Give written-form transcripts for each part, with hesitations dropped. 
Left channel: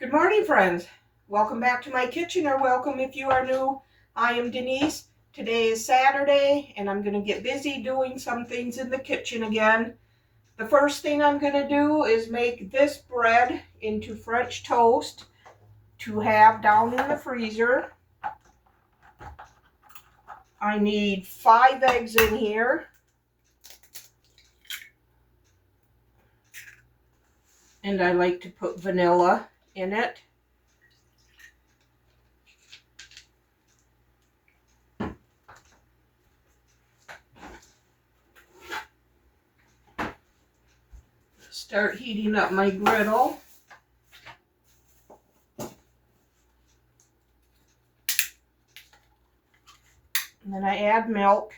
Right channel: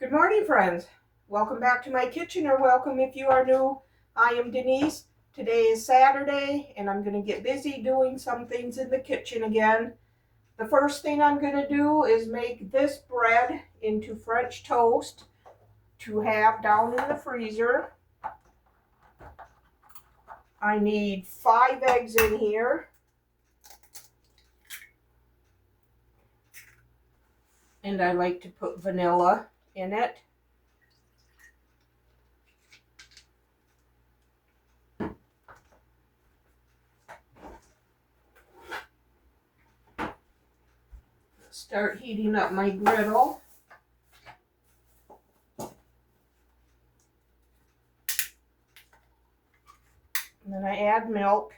Good morning, friends. Welcome back to my kitchen, or welcome if you are new. I am Denise. Today is Saturday, and I'm going to get busy doing some things in the kitchen again. The first thing I'm going to do is make this bread into French toast to have down in the freezer. I need 5 eggs in here, and I like to put vanilla in it. Start heating up my griddle. And then I add milk.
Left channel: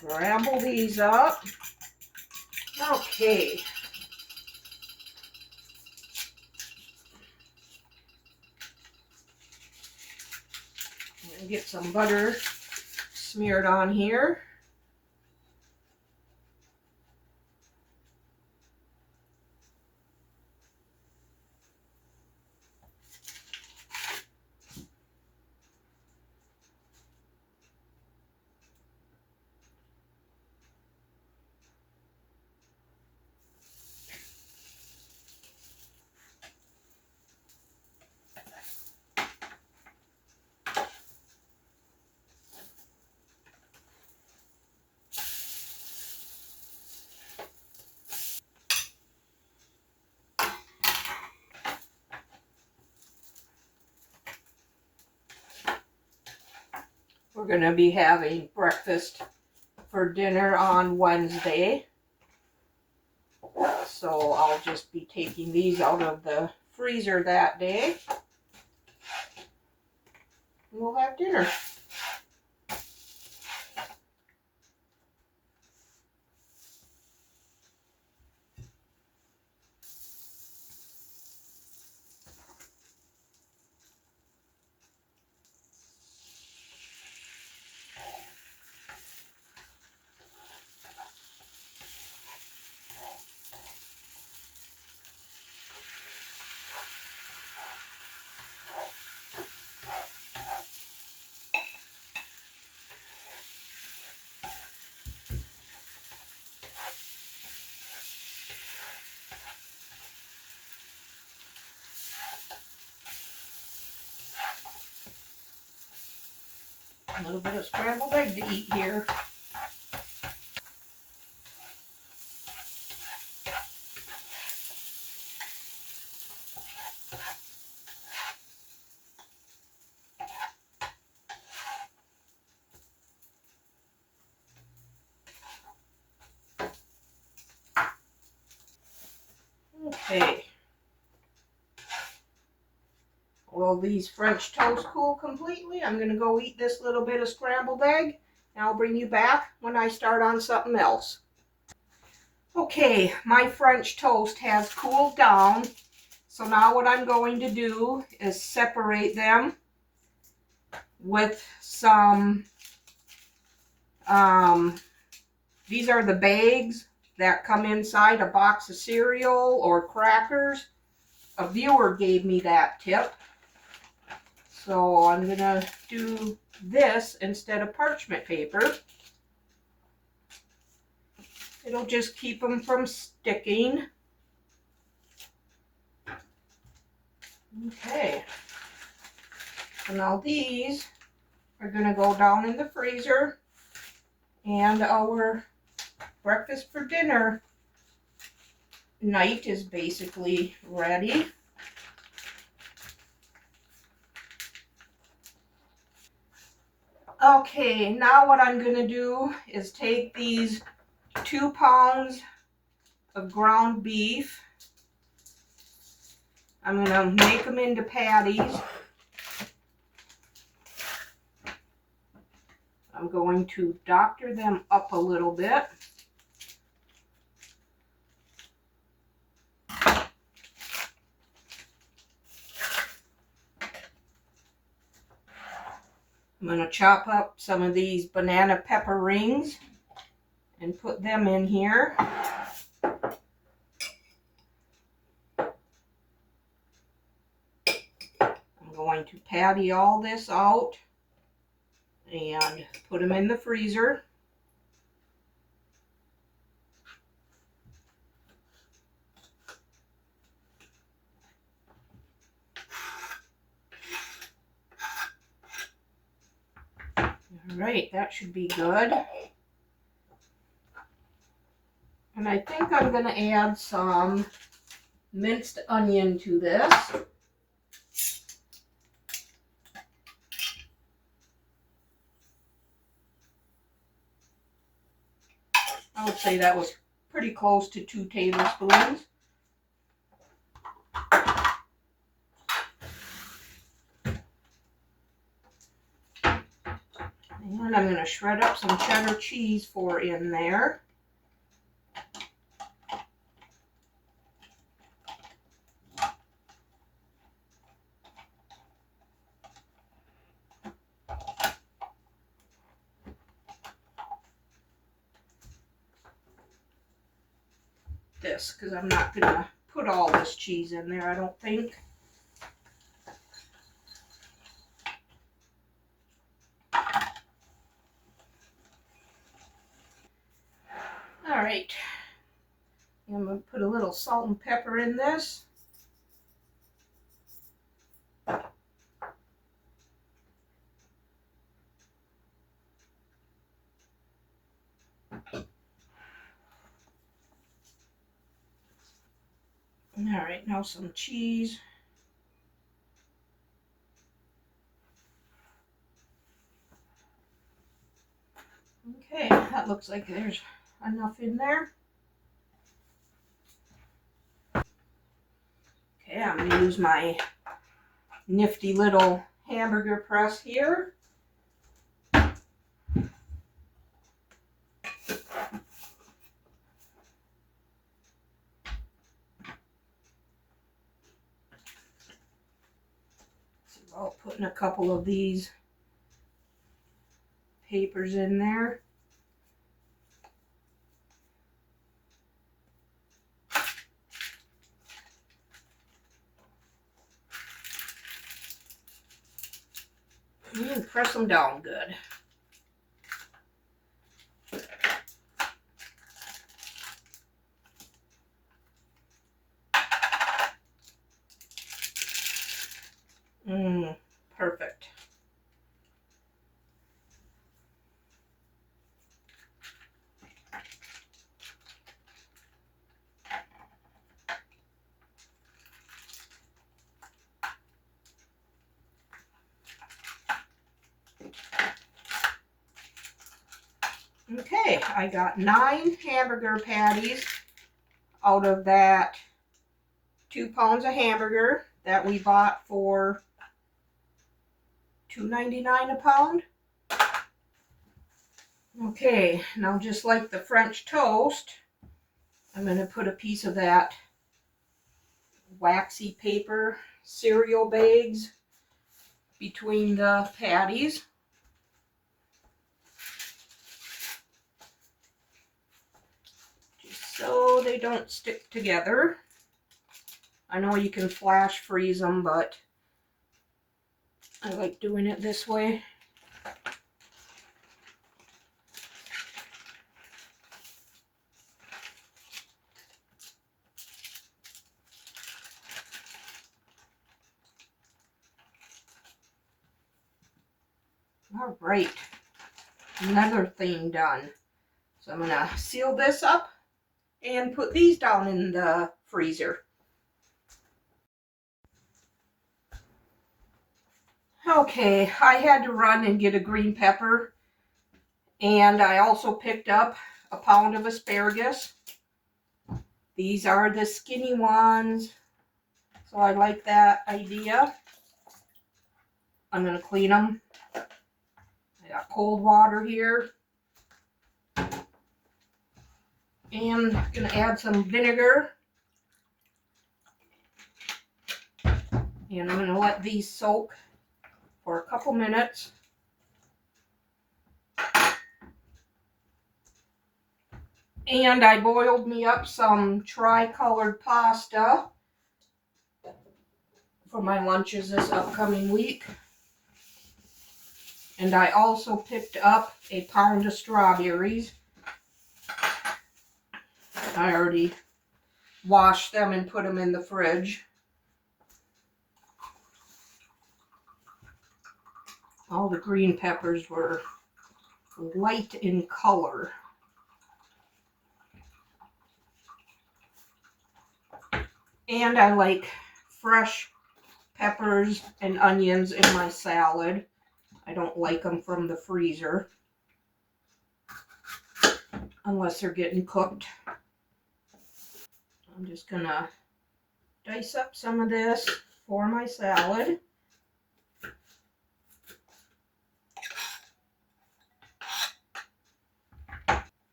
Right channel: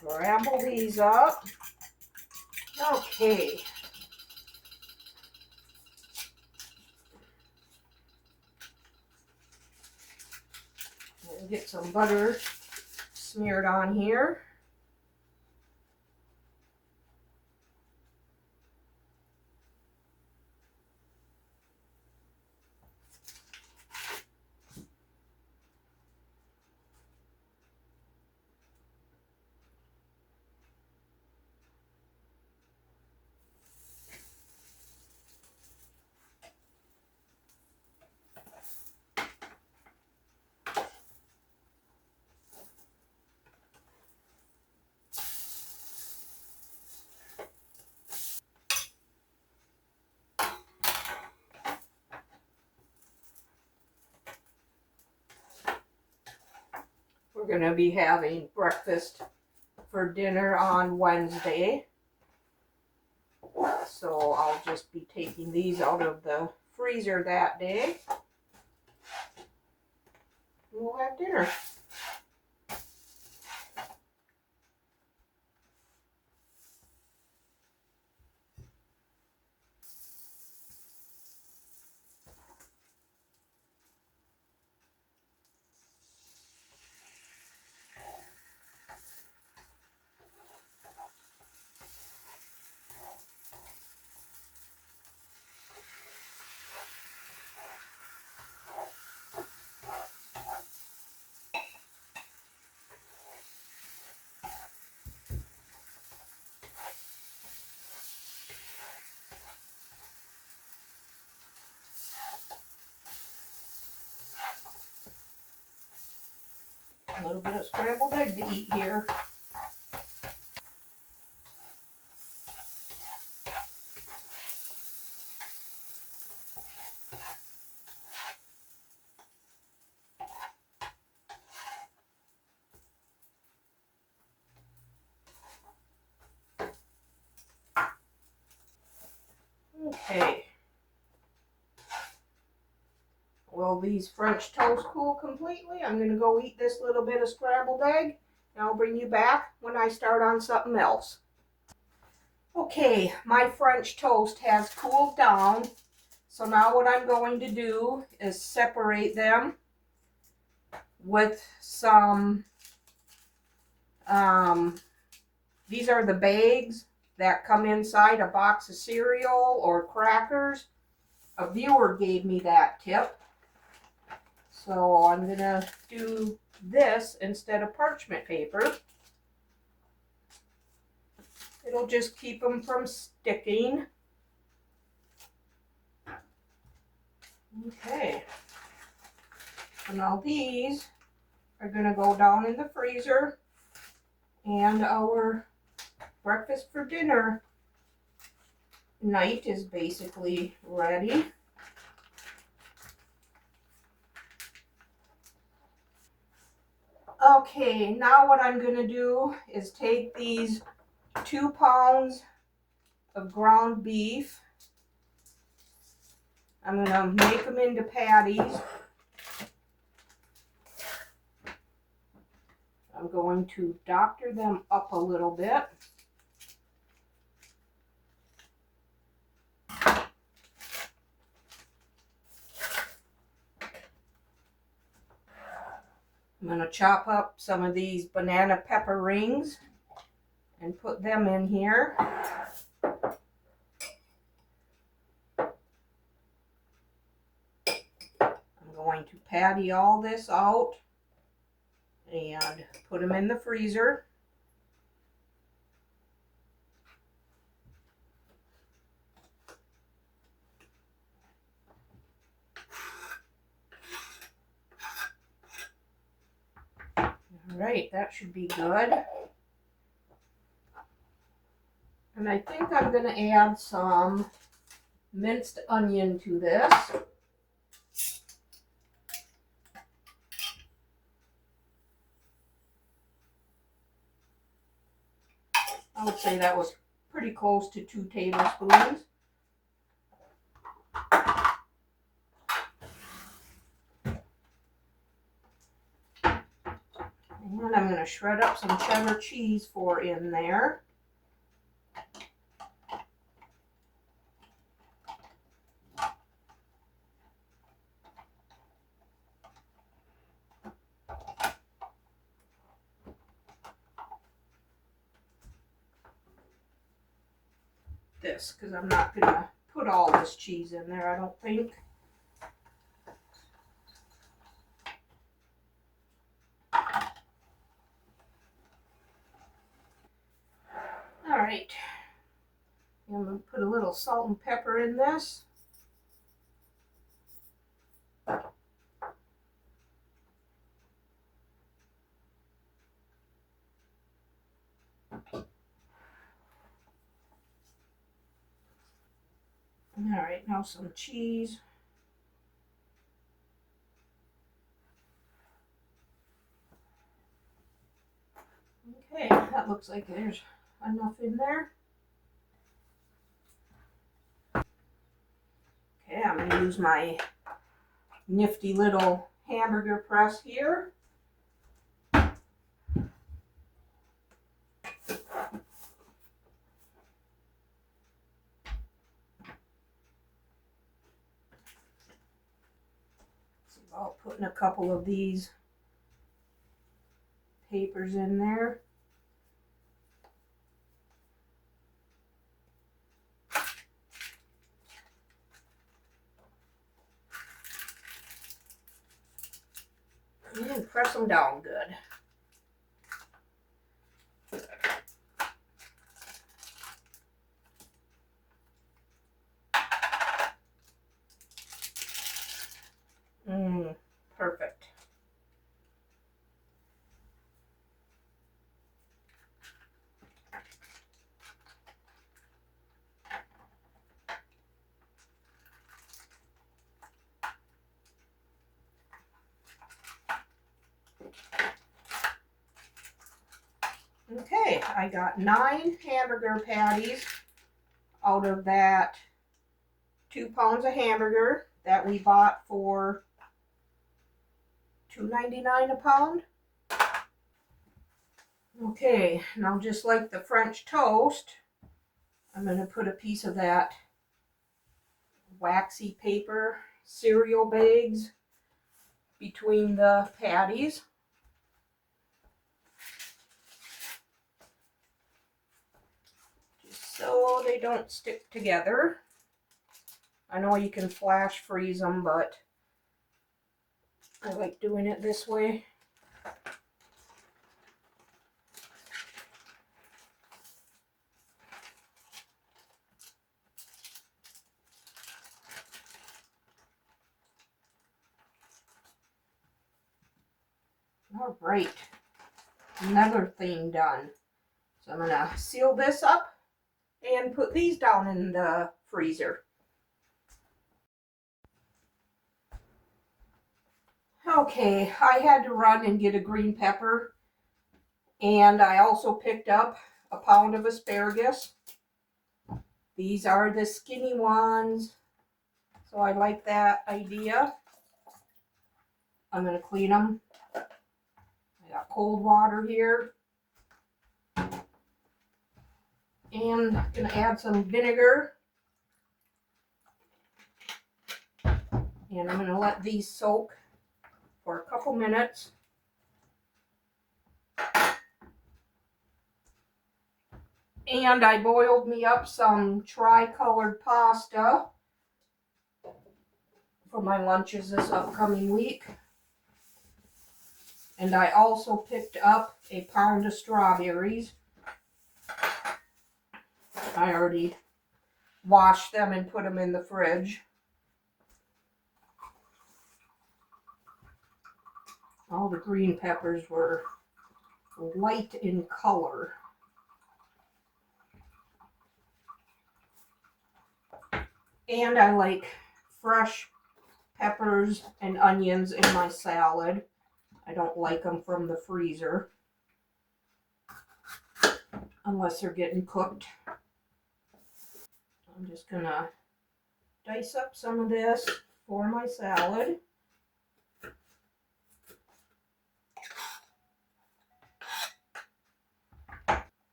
Scramble these up. Okay. And get some butter smeared on here. We're going to be having breakfast for dinner on Wednesday. So I'll just be taking these out of the freezer that day. We'll have dinner. A little bit of scrambled egg to eat here. Okay. Will these French toast cool completely? I'm going to go eat this little bit of scrambled egg, and I'll bring you back when I start on something else. Okay, my French toast has cooled down. So now what I'm going to do is separate them with some, these are the bags that come inside a box of cereal or crackers. A viewer gave me that tip. So I'm going to do this instead of parchment paper. It'll just keep them from sticking. Okay. So now these are going to go down in the freezer, and our breakfast for dinner night is basically ready. Okay, now what I'm going to do is take these 2 pounds of ground beef. I'm going to make them into patties. I'm going to doctor them up a little bit. I'm going to chop up some of these banana pepper rings and put them in here. I'm going to patty all this out and put them in the freezer. Alright, that should be good. And I think I'm going to add some minced onion to this. I would say that was pretty close to 2 tablespoons. And I'm going to shred up some cheddar cheese for in there. This, because I'm not going to put all this cheese in there, I don't think. Alright, I'm going to put a little salt and pepper in this. Alright, now some cheese. Okay, that looks like there's enough in there. Okay, I'm going to use my nifty little hamburger press here. So I'll put in a couple of these papers in there. And press them down good. Perfect. Okay, I got 9 hamburger patties out of that 2 pounds of hamburger that we bought for $2.99 a pound. Okay, now just like the French toast, I'm going to put a piece of that waxy paper cereal bags between the patties. Just so they don't stick together. I know you can flash freeze them, but I like doing it this way. All right, another thing done. So I'm gonna seal this up and put these down in the freezer. Okay, I had to run and get a green pepper, and I also picked up a pound of asparagus. These are the skinny ones, so I like that idea. I'm gonna clean them. I got cold water here. And I'm gonna add some vinegar. And I'm gonna let these soak for a couple minutes. And I boiled me up some tri-colored pasta for my lunches this upcoming week. And I also picked up a pound of strawberries. I already washed them and put them in the fridge. All the green peppers were light in color. And I like fresh peppers and onions in my salad. I don't like them from the freezer unless they're getting cooked. I'm just gonna dice up some of this for my salad.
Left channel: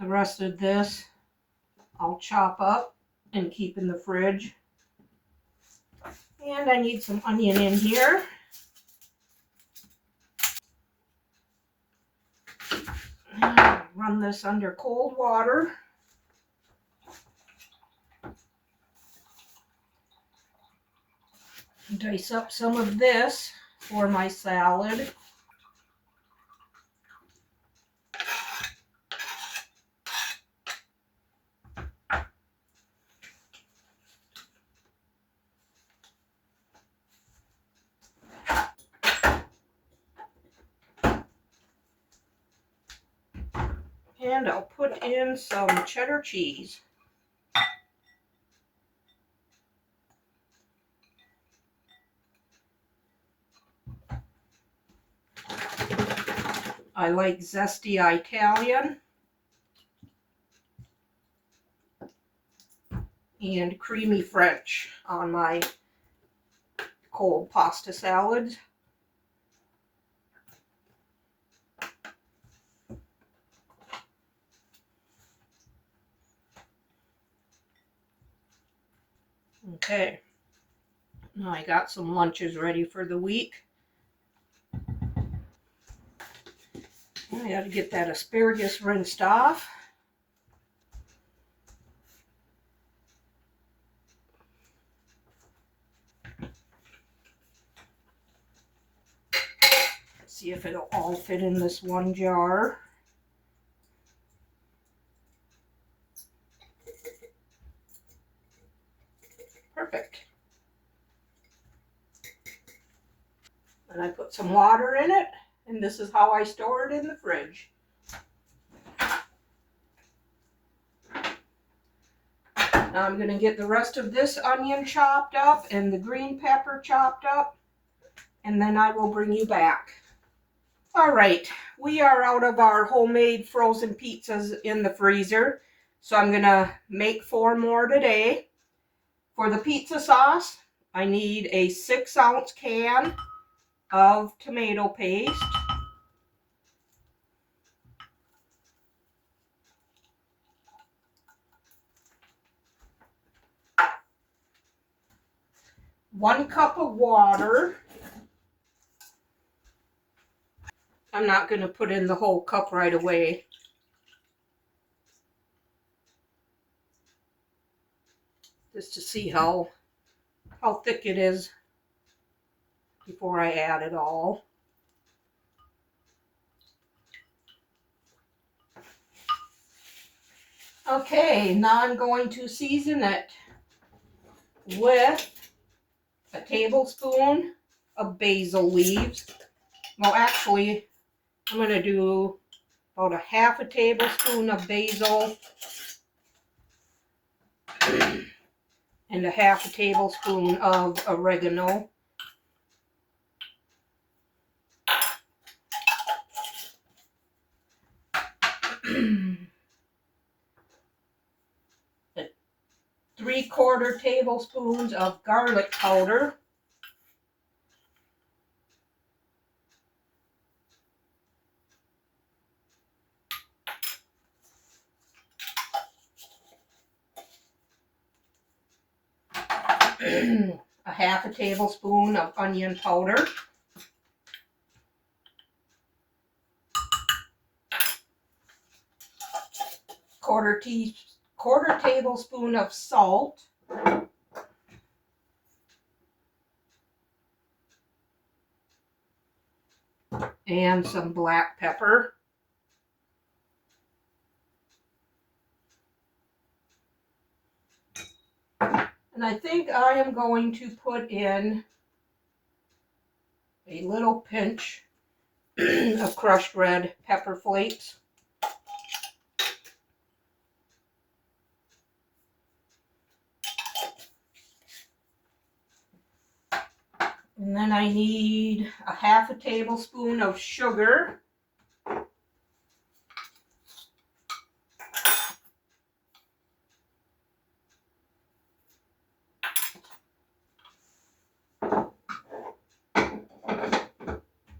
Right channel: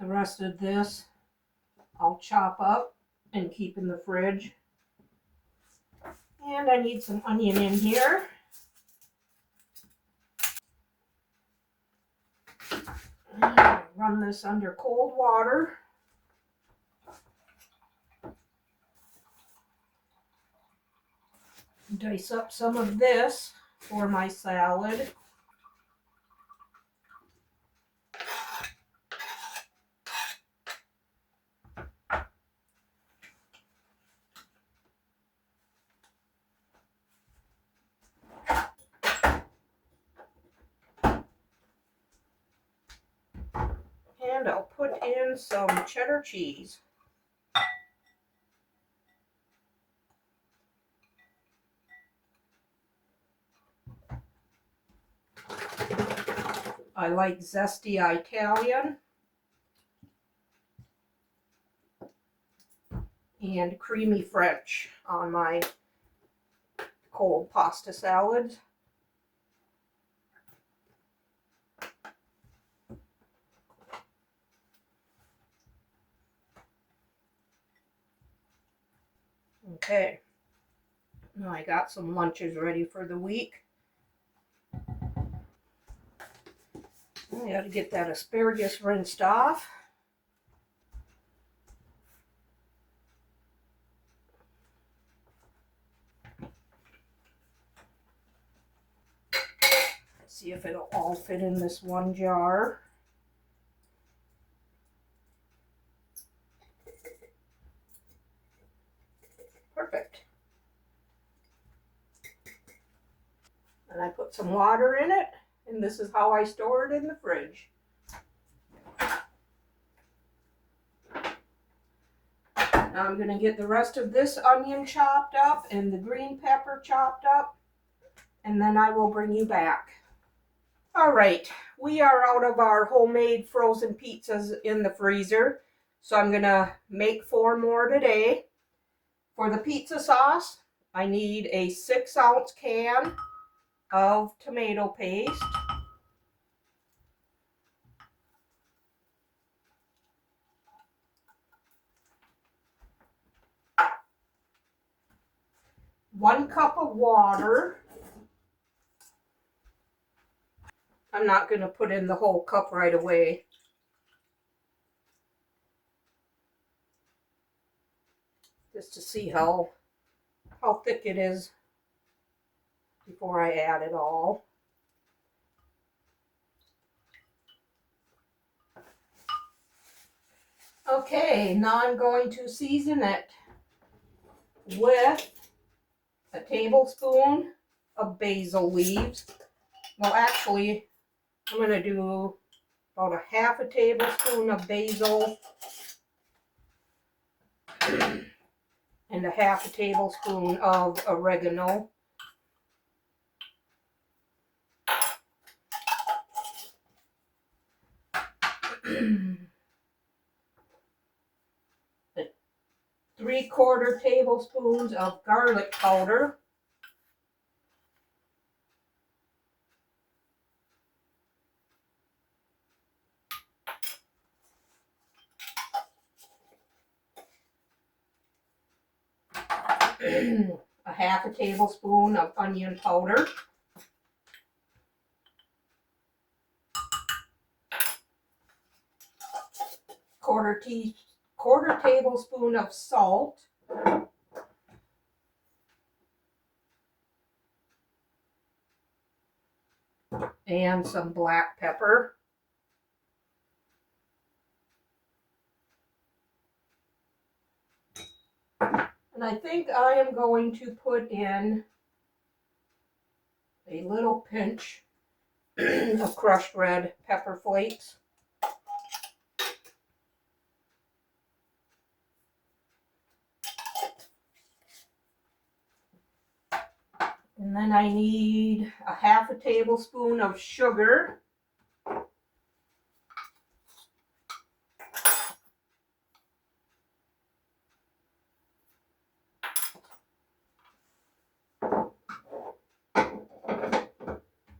The rest of this I'll chop up and keep in the fridge. And I need some onion in here. Run this under cold water. Dice up some of this for my salad. And I'll put in some cheddar cheese. I like zesty Italian and creamy French on my cold pasta salads. Okay, now I got some lunches ready for the week. I got to get that asparagus rinsed off. See if it'll all fit in this one jar. Perfect. And I put some water in it, and this is how I store it in the fridge. Now I'm going to get the rest of this onion chopped up and the green pepper chopped up, and then I will bring you back. All right, we are out of our homemade frozen pizzas in the freezer, so I'm going to make 4 more today. For the pizza sauce, I need a 6-ounce can of tomato paste. One cup of water. I'm not going to put in the whole cup right away. Just to see how thick it is before I add it all. Okay, now I'm going to season it with a tablespoon of basil leaves. Well, actually, I'm going to do about a half a tablespoon of basil and a half a tablespoon of oregano. The 3/4 tablespoons of garlic powder. A half a tablespoon of onion powder. quarter tablespoon of salt, and some black pepper. And I think I am going to put in a little pinch of crushed red pepper flakes. And then I need a half a tablespoon of sugar.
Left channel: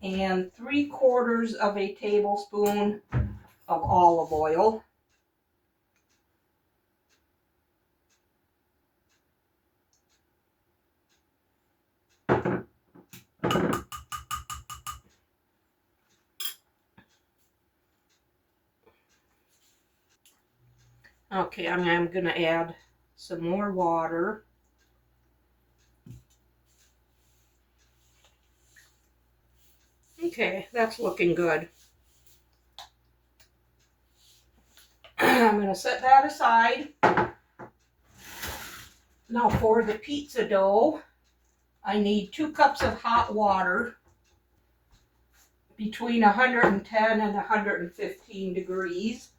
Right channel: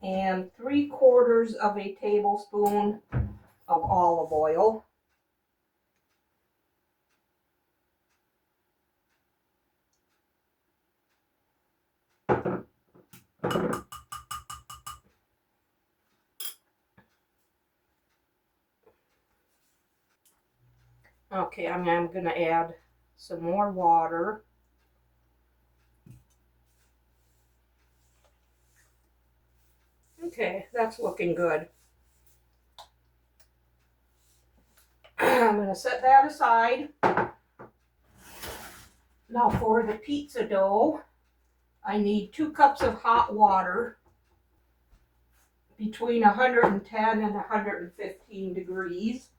And 3/4 of a tablespoon of olive oil. Okay, I'm going to add some more water. Okay, that's looking good. I'm going to set that aside. Now for the pizza dough, I need 2 cups of hot water between 110 and 115 degrees.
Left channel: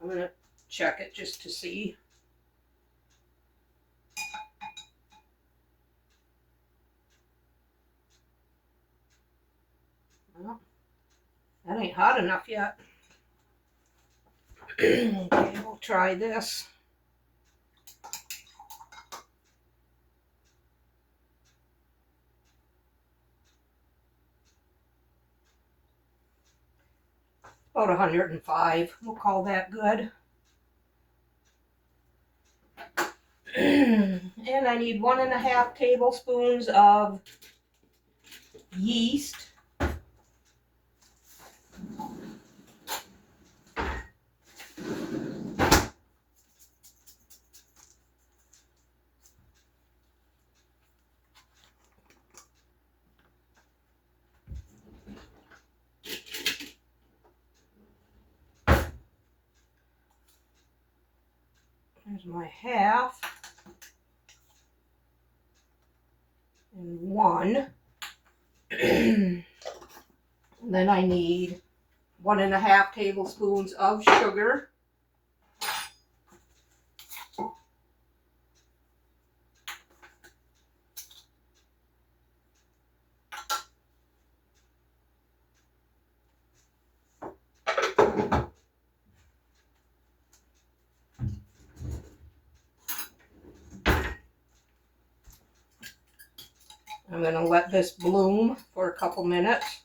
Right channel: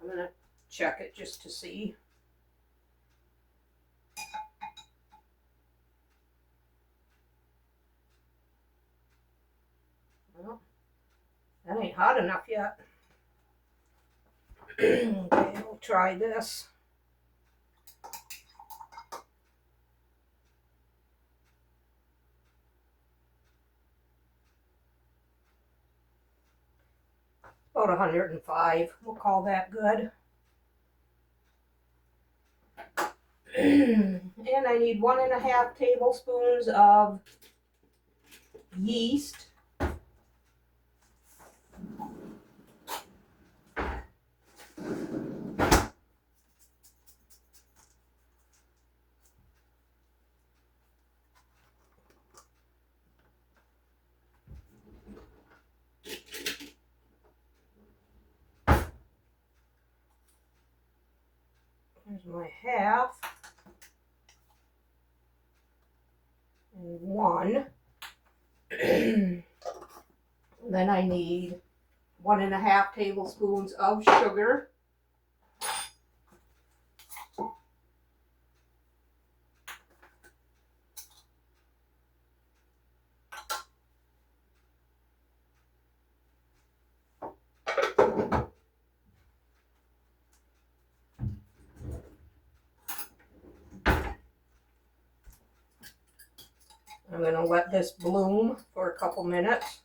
I'm going to check it just to see. Well, that ain't hot enough yet. Okay, we'll try this. About 105. We'll call that good. And I need 1.5 tablespoons of yeast. There's my half. And 1. Then I need 1.5 tablespoons of sugar. I'm going to let this bloom for a couple minutes.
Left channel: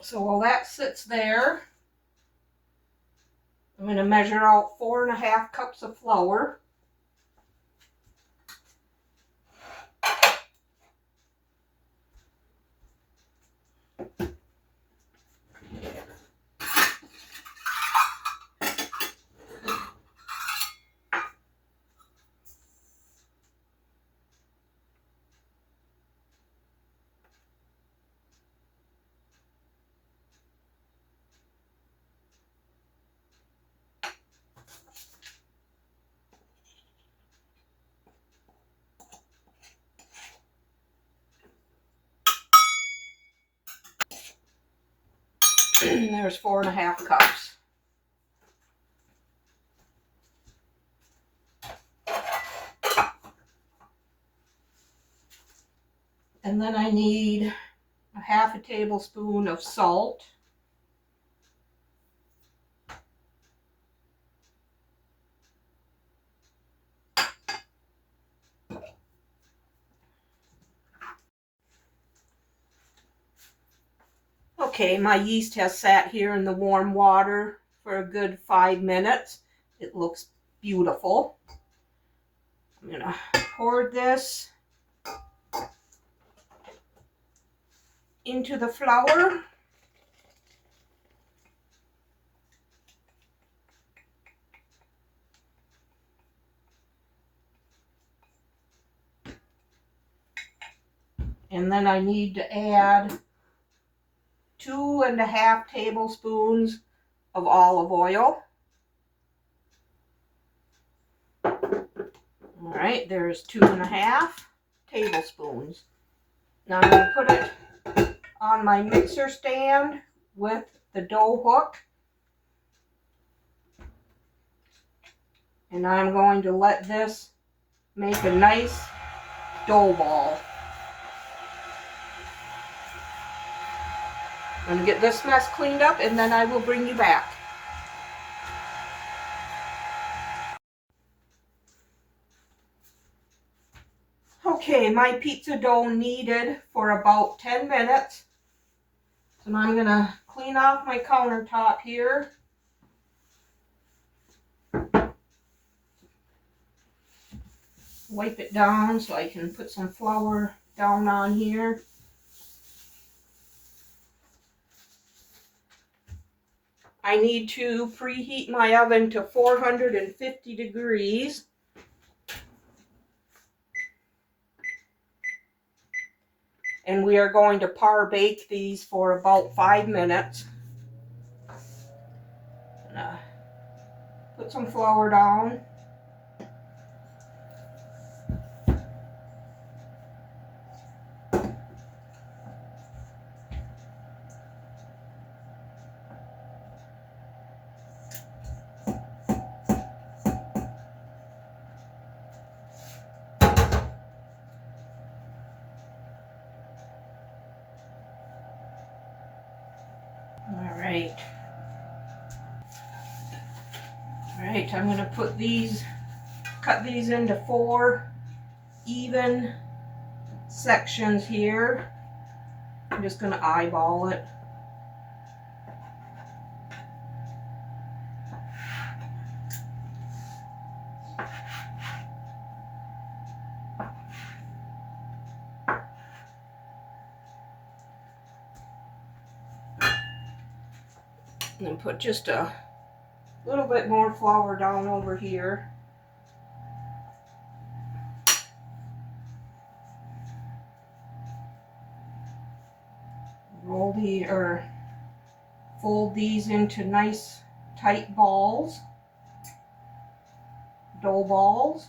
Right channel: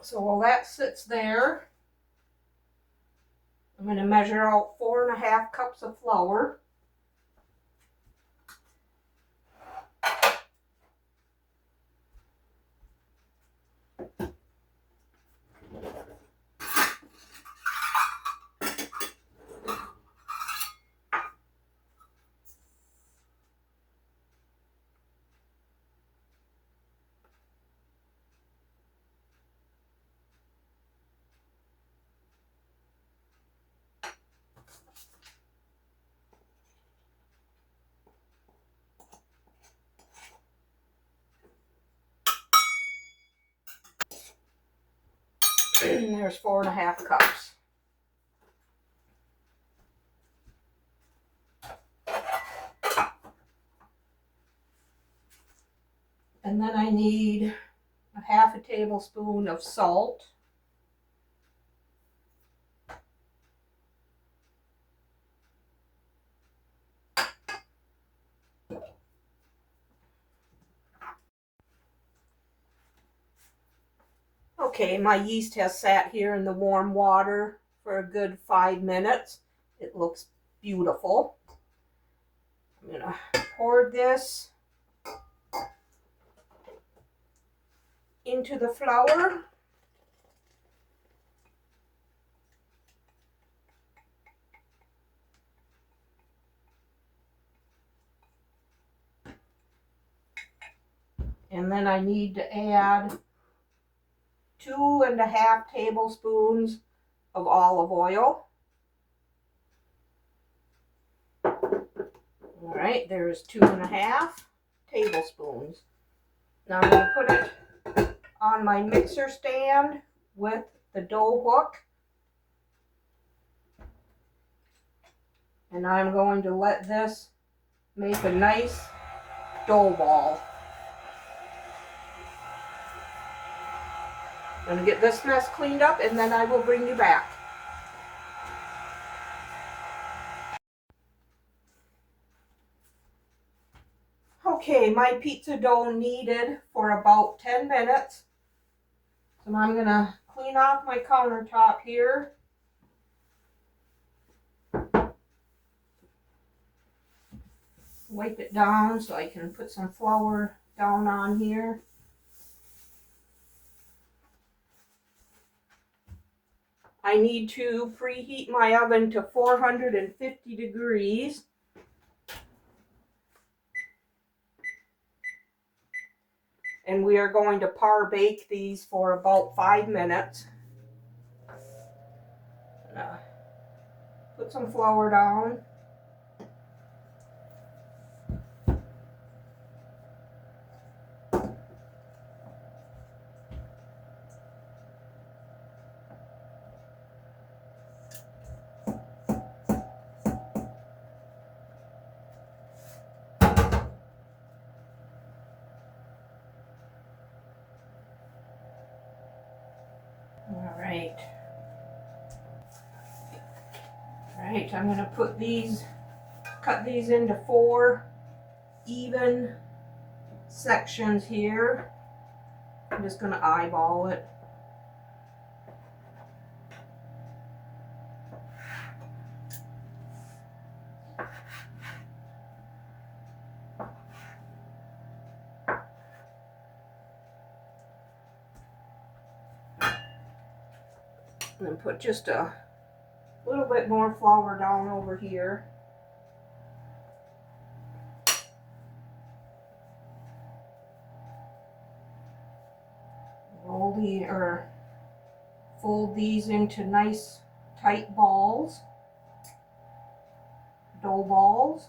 So while that sits there, I'm going to measure out 4.5 cups of flour. There's 4.5 cups. And then I need 1/2 tablespoon of salt. Okay, my yeast has sat here in the warm water for a good 5 minutes. It looks beautiful. I'm gonna pour this into the flour. And then I need to add 2.5 tablespoons of olive oil. All right, there's 2.5 tablespoons. Now I'm going to put it on my mixer stand with the dough hook. And I'm going to let this make a nice dough ball. I'm going to get this mess cleaned up and then I will bring you back. Okay, my pizza dough kneaded for about 10 minutes. So now I'm going to clean off my countertop here. Wipe it down so I can put some flour down on here. I need to preheat my oven to 450 degrees. And we are going to par bake these for about 5 minutes. Put some flour down. Alright, I'm going to cut these into 4 even sections here. I'm just going to eyeball it. And then put just a little bit more flour down over here. Fold these into nice tight balls, dough balls.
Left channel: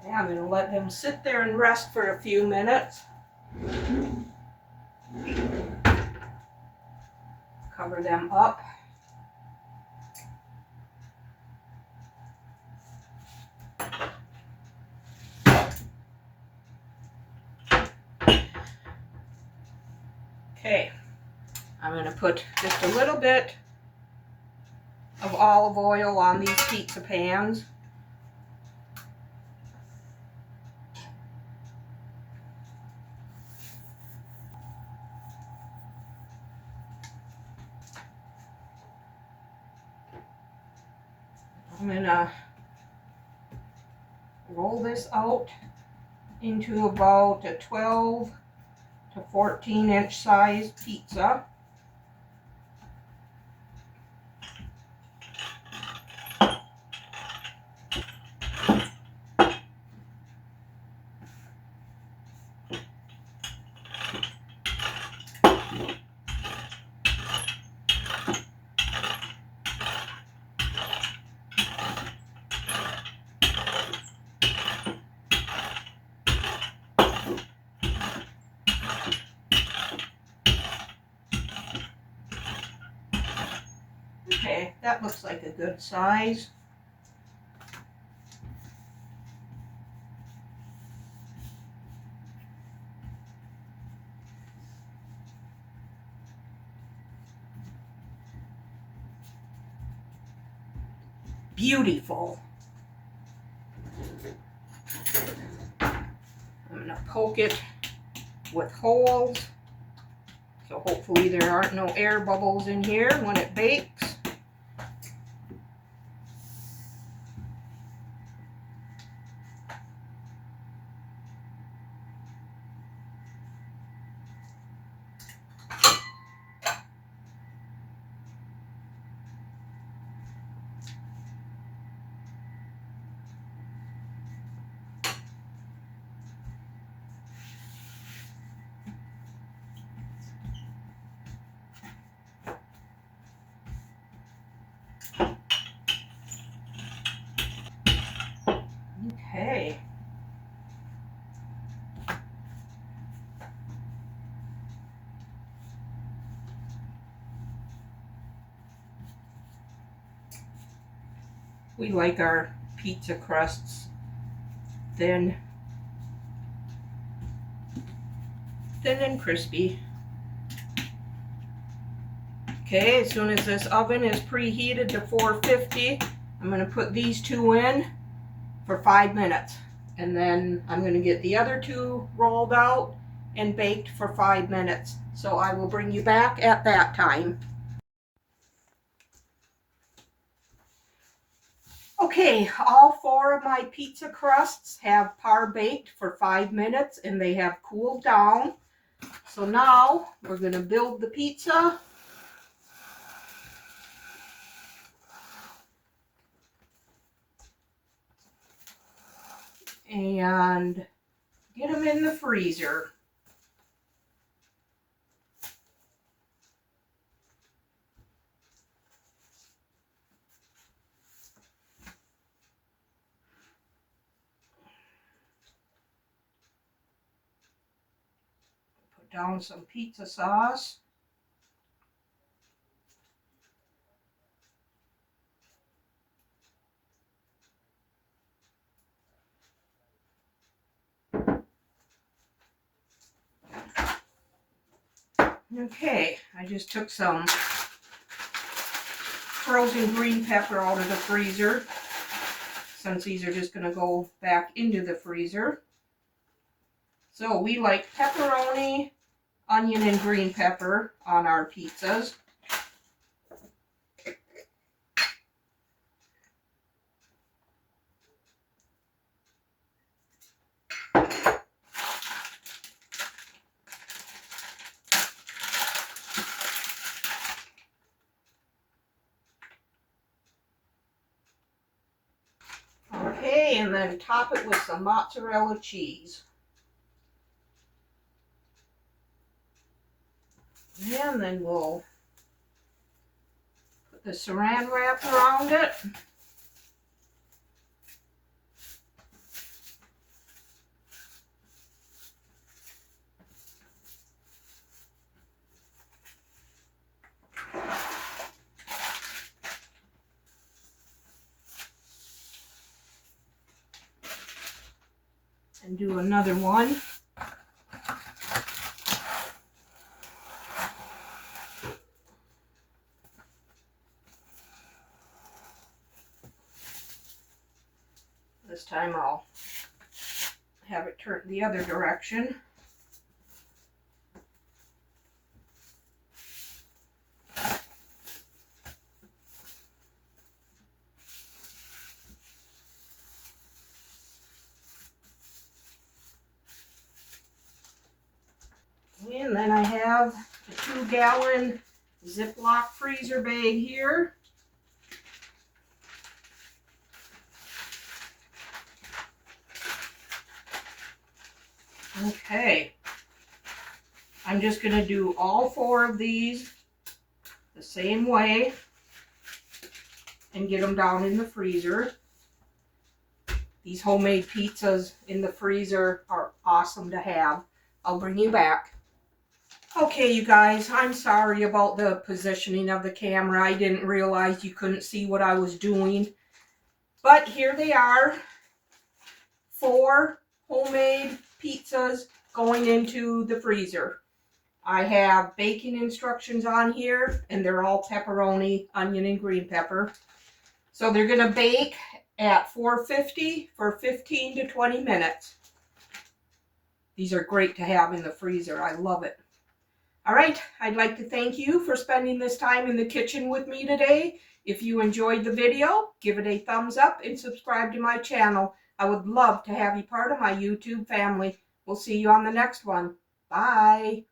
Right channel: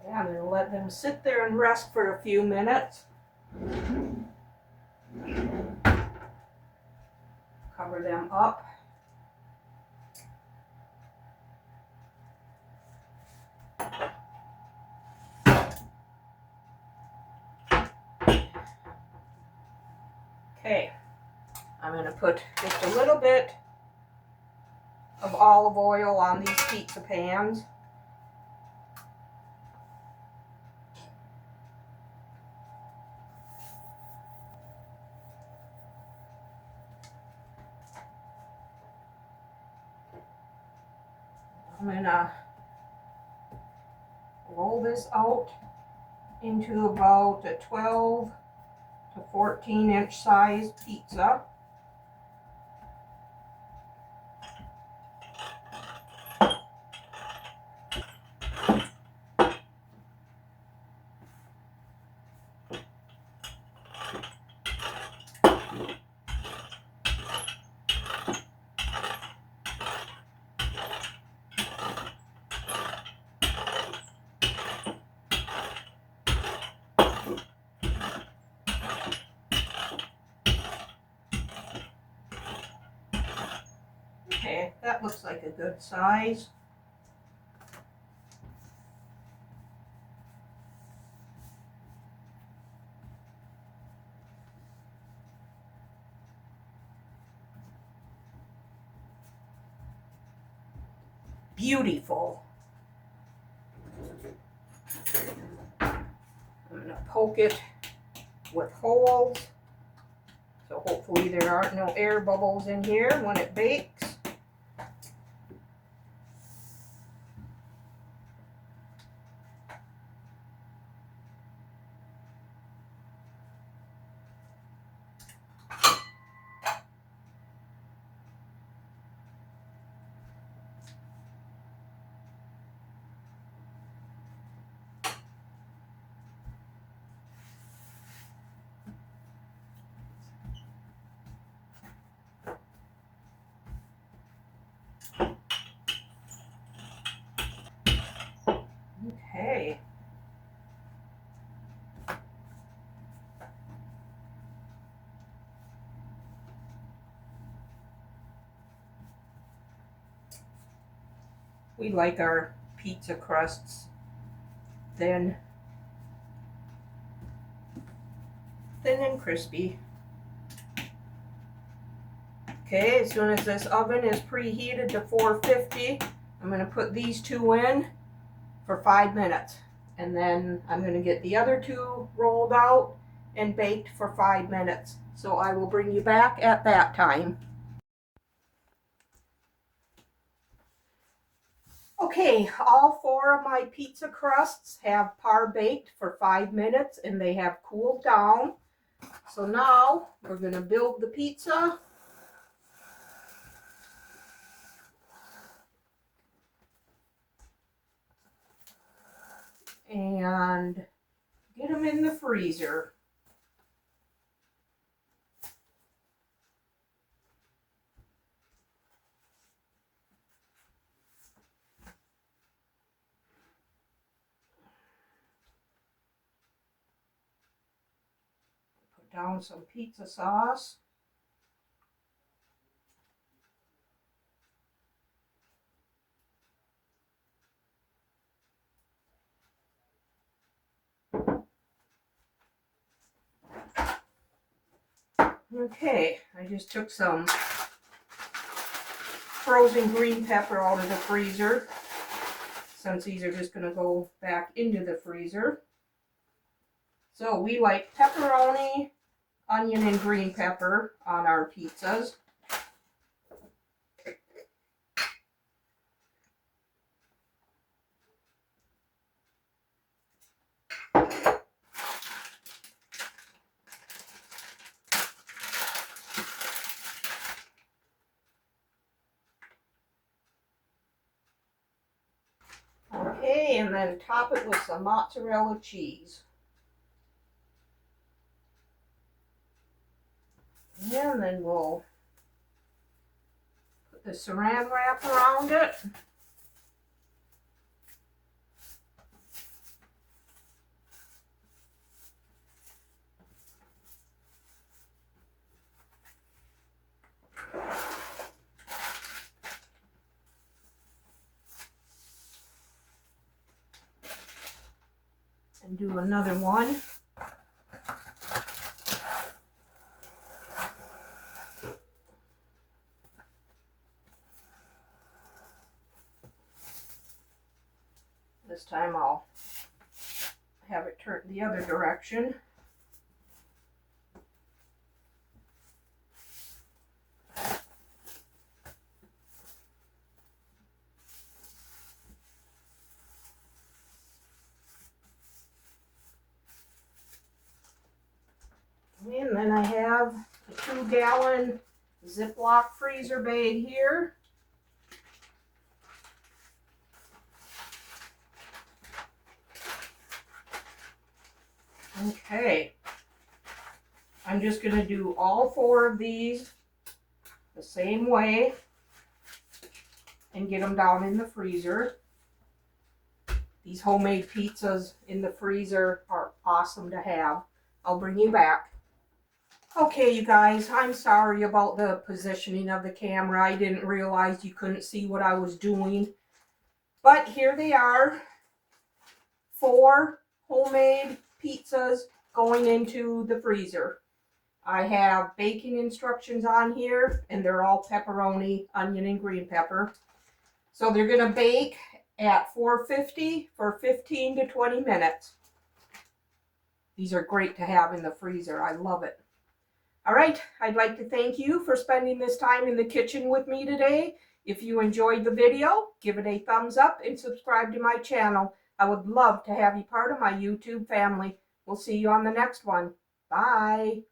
Okay, I'm going to let them sit there and rest for a few minutes. Cover them up. Okay, I'm going to put just a little bit of olive oil on these pizza pans. I'm going to roll this out into about a 12 to 14 inch size pizza. Okay, that looks like a good size. Beautiful. I'm going to poke it with holes. So hopefully there aren't no air bubbles in here when it bakes. Okay. We like our pizza crusts thin and crispy. Okay, as soon as this oven is preheated to 450, I'm going to put these two in for 5 minutes. And then I'm going to get the other two rolled out and baked for 5 minutes. So I will bring you back at that time. Okay, all 4 of my pizza crusts have par baked for 5 minutes and they have cooled down. So now we're going to build the pizza. And get them in the freezer. Put down some pizza sauce. Okay, I just took some frozen green pepper out of the freezer, since these are just going to go back into the freezer. So we like pepperoni, onion, and green pepper on our pizzas. Okay, and then top it with some mozzarella cheese. And then we'll put the saran wrap around it. And do another one. This time I'll have it turn the other direction. And then I have a 2-gallon Ziploc freezer bag here. Okay, I'm just going to do all 4 of these the same way and get them down in the freezer. These homemade pizzas in the freezer are awesome to have. I'll bring you back. Okay, you guys, I'm sorry about the positioning of the camera. I didn't realize you couldn't see what I was doing. But here they are. 4 homemade pizzas going into the freezer. I have baking instructions on here, and they're all pepperoni, onion, and green pepper. So they're going to bake at 450 for 15 to 20 minutes. These are great to have in the freezer. I love it. All right, I'd like to thank you for spending this time in the kitchen with me today. If you enjoyed the video, give it a thumbs up and subscribe to my channel. I would love to have you part of my YouTube family. We'll see you on the next one. Bye.